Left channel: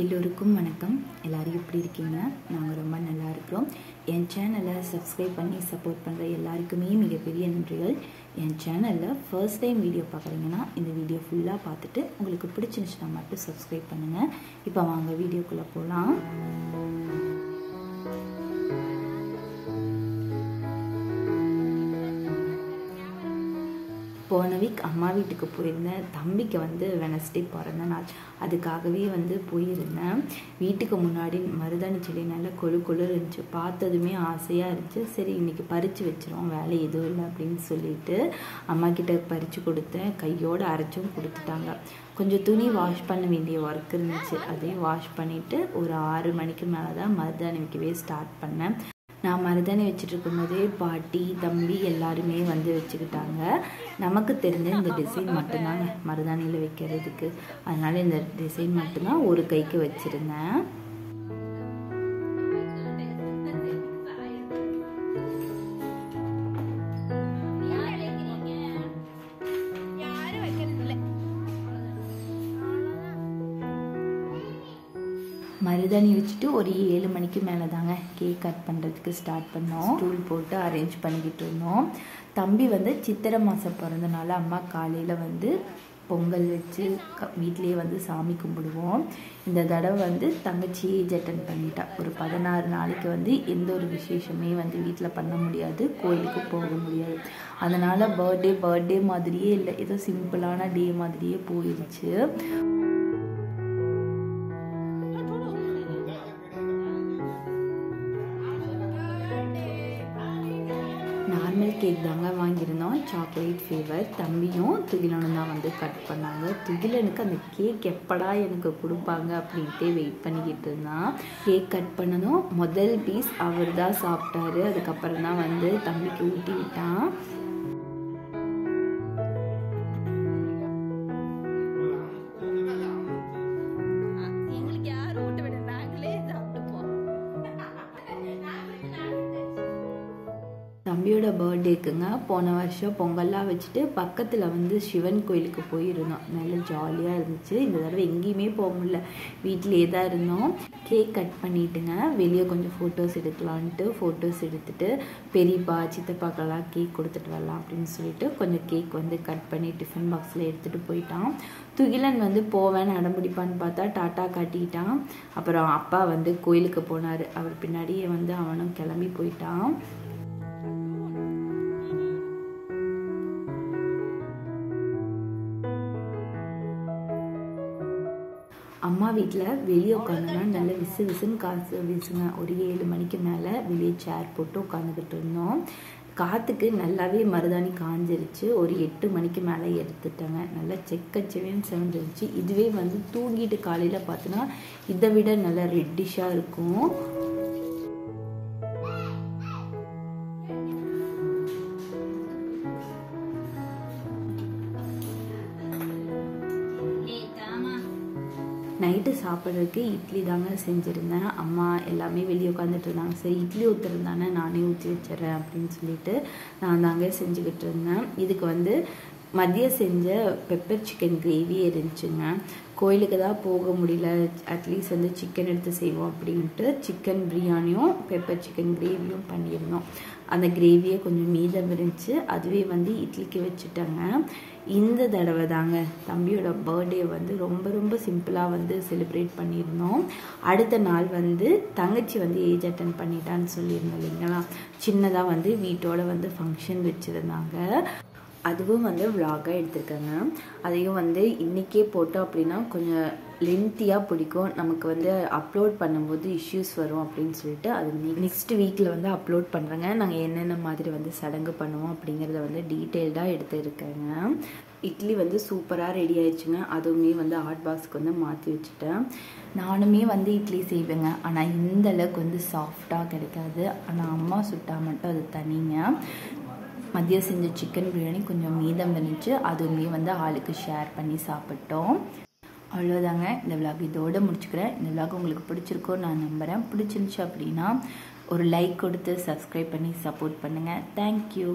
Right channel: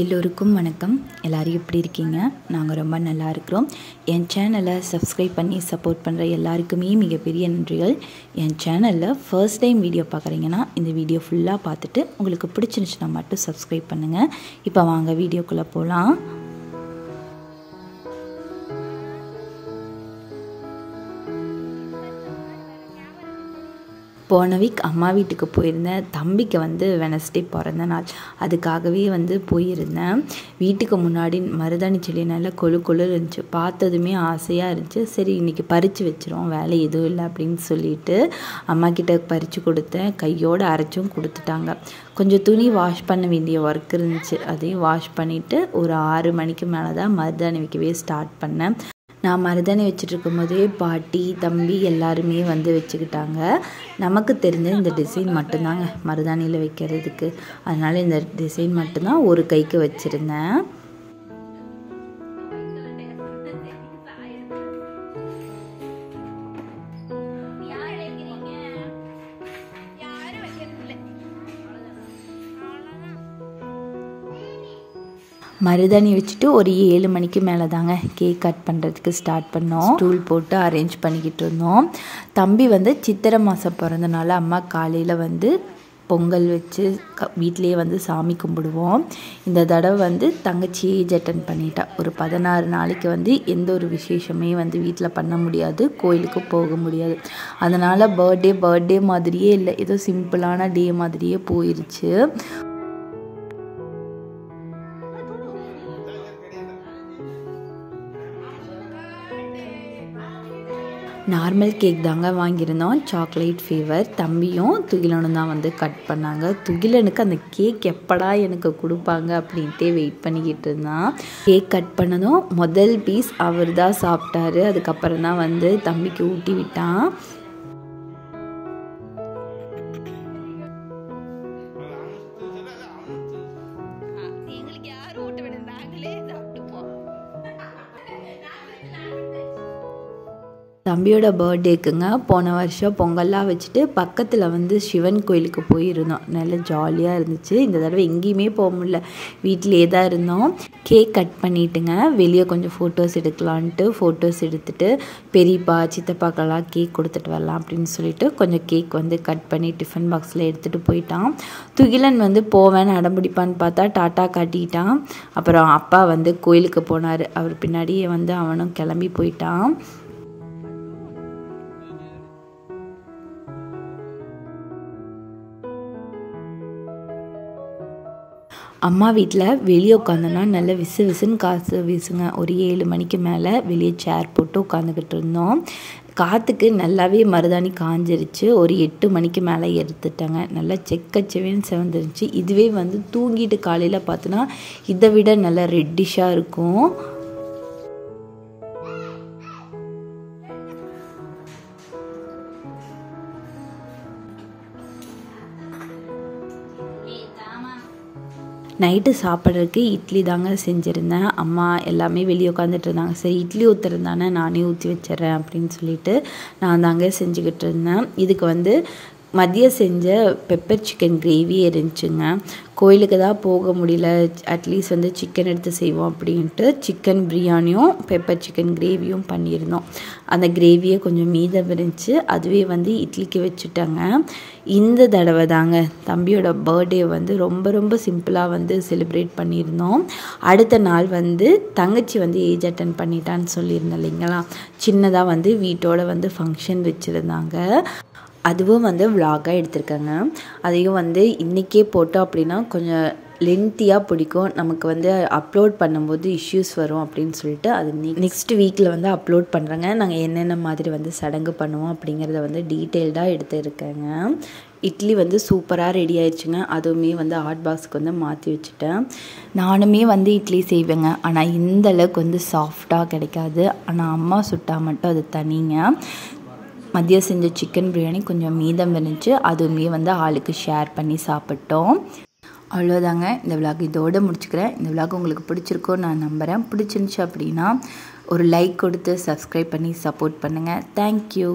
எல்லோருக்கும் வணக்கம். எல்லாரும் எப்படி இருக்கீங்க? நாங்கள் ரொம்ப நல்லா இருக்கிறோம். என் சேனலை சப்ஸ்கிரைப் பண்ணி சப்போர்ட் பண்ணுற எல்லாருக்குமே மிகப்பெரிய நன்றிகள். என் சேனலில் ஃபர்ஸ்ட் டைம் வீடியோ பார்க்குறீங்கன்னா இந்த வீடியோ ஃபுல்லாக பார்த்துட்டு உங்களுக்கு பிடிச்சிருந்துச்சுன்னா மட்டும் சப்ஸ்கிரைப் பண்ணுங்கள். இப்போ வாங்க வீடியோக்குள்ளே போகலாம். போன வீக் அம்மா வீட்டுக்கு போயிருந்தேன். தம்பிக்கு வெனஸ்டே பிறந்த நாள், அதுக்காகவே போயிருந்தேன். வீட்டுக்கு முன்னாடி மருதாணி செடி நல்லா கொழு கொழு இருந்துச்சு. பார்த்ததுமே ஆசையாக இருந்துச்சு. சரி இன்றைக்கி பறித்து வச்சிரும், வேலை எதுவும் இல்லை அப்படின்னு சொல்லிட்டு அம்மா கிட்ட பறித்து கொடுத்தேன். கையோடு அரைச்சும் கொடுத்துட்டாங்க. கொஞ்சம் துணி வாஷ் பண்ண வேண்டிய ஒர்க் இருந்துச்சு, அதையும் வாஷ் பண்ணிவிட்டு ஒரு 6 மணிக்கு மேலே தான் மருதாணி வைக்கவே ஸ்டார்ட் பண்ணேன். நான் மருதாணி வச்சுட்ருக்கும் போதே பாட்டி தம்பி எல்லாருமே வச்சுக்கிட்டாங்க. நமக்கு தெரிஞ்ச இந்த டிசைன் மட்டும்தாங்க மருதாணியில் வைக்கிறதுக்கு, அதனால் இந்த டிசைன் மட்டும்தான் ஒரு கைக்கு வச்சுருந்தேன். மருதாணி வச்சுட்டு ஒரு 7 மணிக்கு மேலே தாங்க கேக் கட் பண்ணுறதுக்கு ஸ்டார்ட் பண்ணோம். ஸ்டூல் போட்டு அரேஞ்ச் பண்ணிக்கிட்டு இருந்தோம். தம்பி சித்திரை மாதம் பிறந்தனால அம்மா காலையில் பொங்கல் வச்சு வீட்டிலேயே சாமி கும்பிடுவோம். இந்த தடவை தங்கச்சி ஏஜ் அட்டன் பண்ணிட்டா. ஒரு 16 நாளைக்கு எந்த ஒரு விசேஷமே வீட்டில் பண்ண முடியாது, கோயிலுக்கு போக முடியாது. அதனால் பர்த்டே மாதிரியே இல்லை, ஏதோ சிம்பிளான டே மாதிரியே போயிடுச்சு. நார்மல் கேக் தாங்க வாங்கியிருந்தோம், சாக்லேட் ஃப்ளேவர். தம்பியும் துகிலனும் தான் கட் பண்ணாங்க. துகிலனுக்கு அந்த கேக் எப்படா எனக்கு கொடுப்பாங்க அப்படின்ட்டே வெயிட் பண்ணிக்கிட்டு இருந்தான். கேக் கட் பண்ணதும் முதல் பீஸ் அவர் தான் சாப்பிட்டாரு. அதுக்கப்புறம் தான் தம்பிக்கு ஊட்டி விட்டான். தம்பியோட பர்த்டேக்குங்க போன வருஷம் பொங்கல்லாம் வச்சுட்டு பக்கத்தில் சிவன் கோயிலுக்கு போயிருந்தோம். நல்லா ஜாலியாக இருந்துச்சு. இந்த தடவை எங்கேயுமே போக முடியல, வீட்டிலே தான் இருந்தோம். கேக் கட் பண்ணிட்டுங்க வெளியே கொஞ்சம் ஃபோட்டோஸ் எடுக்கலான்ட்டு ஃபோட்டோஸ் எடுத்துகிட்டு பெரியப்பா சித்தப்பாக்கெல்லாம் கேக் கொடுத்துட்டு வரலாம் அப்படின்னு சொல்லிட்டு கொஞ்சம் கேக் கட் பண்ணி டிஃபன் பாக்ஸில் எடுத்துகிட்டு போயிட்டான். துகிலன் போவேன்னு அடம்பிடிப்பான்னு பார்த்தா டாட்டா காட்டிட்டான். அப்புறம் அப்பா கோயிலுக்கு போனார். அவர் பின்னாடியே அவனும் கிளம்பி போயிட்டான். அம்மா வீட்டில் வெளியே உட்காந்தோன்னா நல்ல விசுன்னு காசு வீசுங்க. ஒரு 7 மணிக்கு மேலே வெளியே சேர் போட்டு உட்காந்துக்கிட்டு இருந்தோம். காற்றுக்கு நல்லாவே மருதாணி காஞ்சிருச்சு. ஒரு 8 மணிக்கு மேலே எடுத்துட்டாங்க. நல்லா செக்கச்செவேன்னு செவந்துருச்சு. இதுவே தூங்கிட்டு காலையில் பார்த்தோன்னா இதை விட நல்லா ரெட்டிஷாக இருக்கும். நைட்டு சாப்பிட்றதுக்கு இட்லி தாங்க செஞ்சுருந்தேன். அம்மா எல்லாமே வெளியே உட்காந்துட்டு இருந்தாங்க. சரி இட்லி ஊற்றுறதானே நானே ஊற்றி வச்சிட்றேன் அப்படின்னு சொல்லிட்டு நான் தாங்க செஞ்சுக்கிட்டு இருந்தேன். இதுக்கு மதியம் செஞ்ச பெப்பர் சிக்கன் கிரேவி இருந்துச்சுங்க. கோயிலுக்கு தான் போக முடியல, அட்லீஸ்ட் சிக்கன் எடுத்து செய்வோம் அப்படின்ட்டு சிக்கன் பிரியாணியும் பெப்பர் சிக்கன் கிரேவியும் பண்ணியிருந்தோம். அந்த கிரேவியை கொஞ்சம் மீதம் இருந்துச்சு, அதுவே இட்லிக்கு வச்சுட்டாங்க. இந்த தடவை தாங்க தம்பியோட பர்த்டே ரொம்ப ரொம்ப சிம்பிளாக செலிப்ரேட் பண்ணியிருந்தோம். அடுத்த நாள் தங்கச்சி ஏஜ் அட்டன் பண்ணிட்டான்னு சொல்லியிருந்தேன் இல்லைங்களா, சின்னதாக வீட்டோட ஃபங்க்ஷன் வச்சுருந்தாங்க. அதுவும் விலாகாக எடுத்திருக்கேங்க. அதையும் இன்றைக்கே போட்டோம் அப்படின்னா கொஞ்சம் லென்த்தியாக பிடிக்கும் நமக்கு. அப்லோட் பண்ணும்போது இஷ்யூஸ் வரும் அப்படின்னு சொல்லிட்டு அது நெக்ஸ்ட் வீக்கில் அப்லோட் பண்ணுறேங்க. நாங்கள் என்னென்ன மாதிரி சடங்கு பண்ணுவோம் அப்படிங்கிறத டீட்டெயில்டாக எடுத்துருக்கேங்க. இட்லி சூப்பராக ரெடி ஆயிடுச்சுங்க. அதுவுமே ஹாட் பாக்ஸுக்கு மாற்றி வச்சுட்டேன். நானுமே இட்லி செய்வேங்க, ஆனால் இந்த அளவுக்கு சாஃப்டாக கிடைக்காது. ஆனால் அம்மா சுட்டால் மட்டும் அது தனிங்க. மதியம் செஞ்ச சிக்கன் பிரியாணி கொஞ்சம் மீதம் இருந்துச்சு, அதுவுமே ஆளுக்கு ஷேர் பண்ணி சாப்பிட்டோம். அவ்வளோதாங்க, இந்த விலாக் இதோடு முடிச்சுக்கிறேன். இந்த விலாக் உங்களுக்கு பிடிச்சிருக்கோன்னு நான் நம்புகிறேன். பிடிச்சிருந்துச்சு அப்படின்னா ஒரு லைக் கொடுத்து சப்ஸ்கிரைப் பண்ணி சப்போர்ட் பண்ணுங்கள். தேங்க்யூ.